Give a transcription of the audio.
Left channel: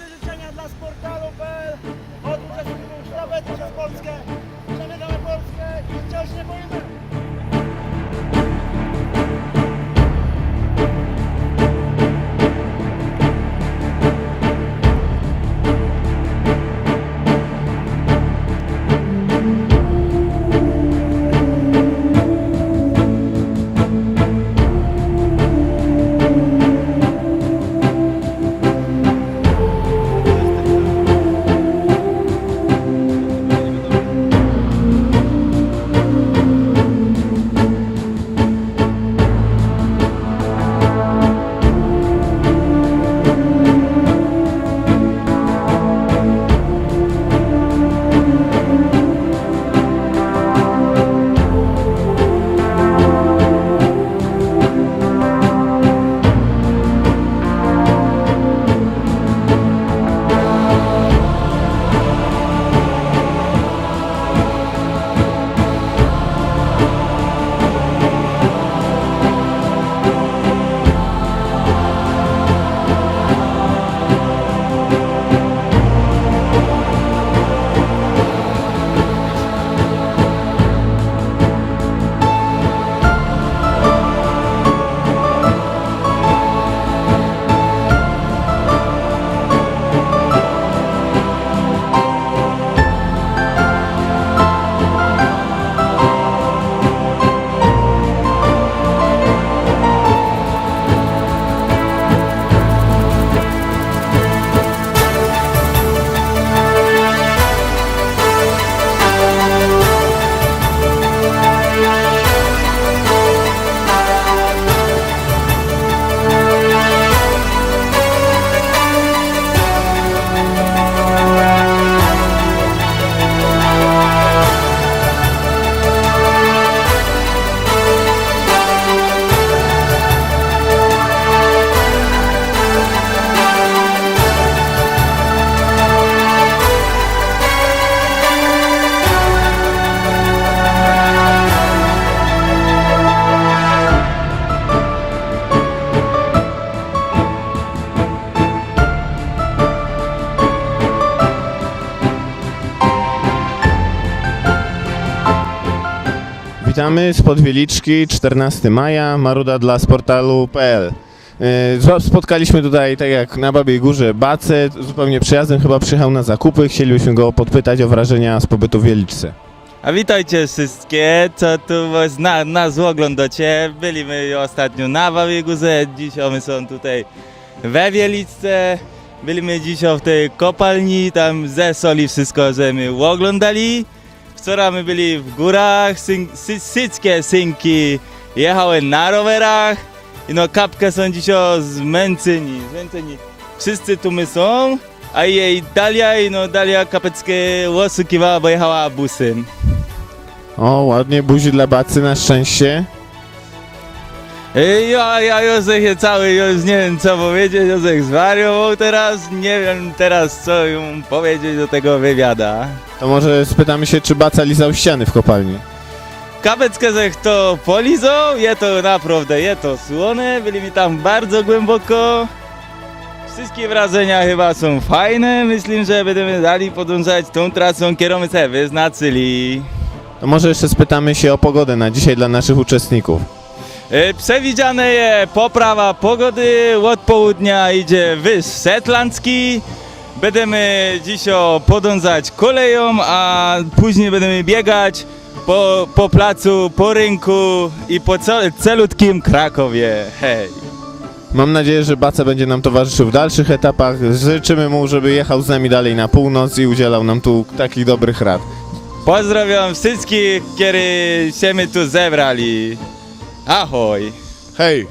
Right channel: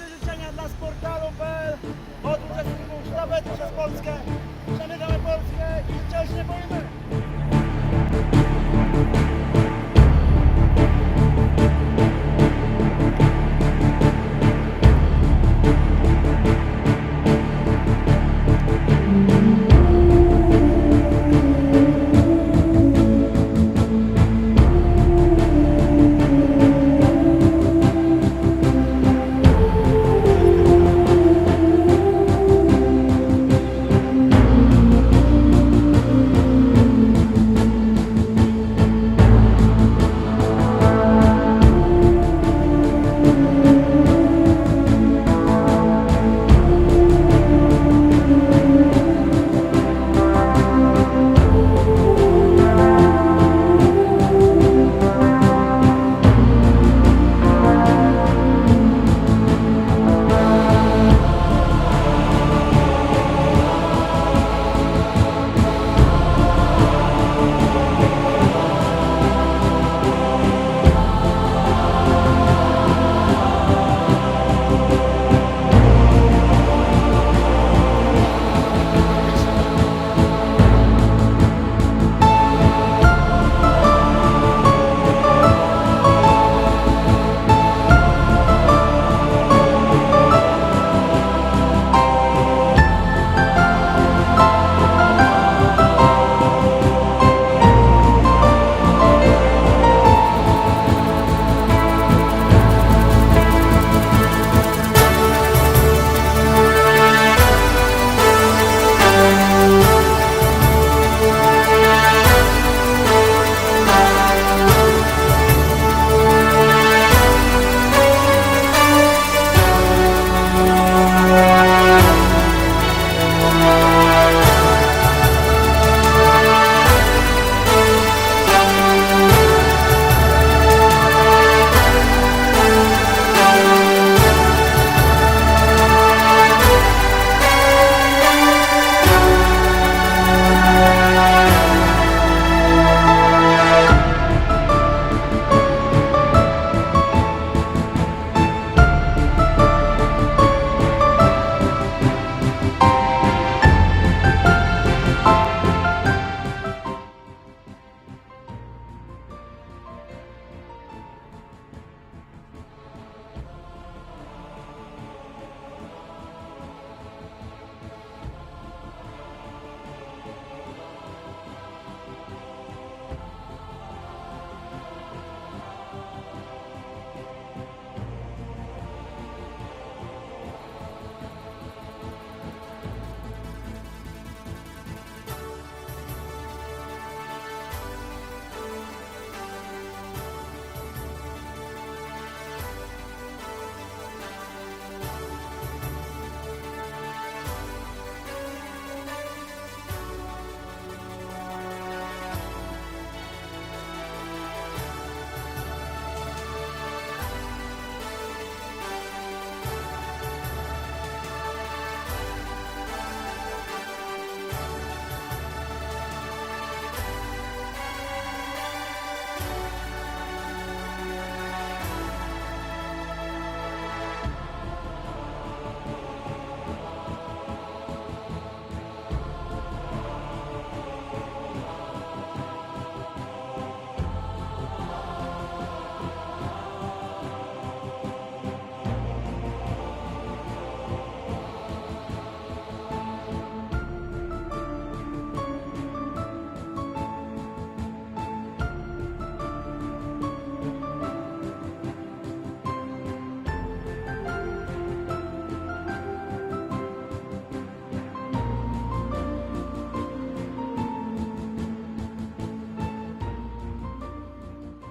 Najlepsze życzenia dla sportalu.pl od uczestników szlabety przez Polskę. Przemykamy Polskę i wciąż nie boimy. Witamy z Podwieliczki, 14 maja, Maruda dla sportalu.pl. Yy, Spotkaliśmy tutaj, tak jak na Babiej Górze, Bacę, zupełnie przyjazdem, chyba przyjechał na zakupy. Chcielibyśmy go podpytać o wrażenia z pobytu w Wieliczce. A witajcie wszystkie, co tu na, nas oglądacie. Byliśmy ostatnio na Babiej Górze, dzisiaj my są tutaj we Wielicce. Byliśmy dzisiaj w tej kopalni, tam ze soli wszystko, że my oglądali. Wczoraj my byli w górach, syn, sy, syckie synki jechały na rowerach. I no kapkę są dzisiaj zmęczeni, zmęczeni. Wszyscy tu my są, a jej Dalia, i no Dalia kapeckie oszukiwała, bo jechała busem. O, ładnie, buzi dla Bacy na szczęście. Ej, Ja, ja Józef jest cały, już nie wiem co powiedzieć, Józef zwariował teraz, nie wiem teraz co ją powiedzieć do tego wywiada. To może spytamy się, czy Baca lizał ściany w kopalni. Kapeckę zech to polizał, je to naprawdę, je to słone, byli mi tam bardzo głęboko. Wszystkie wrażenia chyba są fajne, myślę, że będziemy dalej podążać tą trasą, którą sobie wyznaczyli. To może jeszcze spytamy się o pogodę na dzisiaj dla naszych uczestników. E, Przewidziane jest poprawa pogody, od południa idzie wyż Setlandzki. Będziemy dzisiaj podążać koleją, a później będziemy biegać po, po placu, po rynku i po ce- celutkim Krakowie. Hej! Mam nadzieję, że Baca będzie nam towarzyszył w dalszych etapach. Życzymy mu, żeby jechał z nami dalej na północ i udzielał nam tu takich dobrych rad. Pozdrawiam wszystkich, którzy się my tu zebrali. Ahoj! Hej!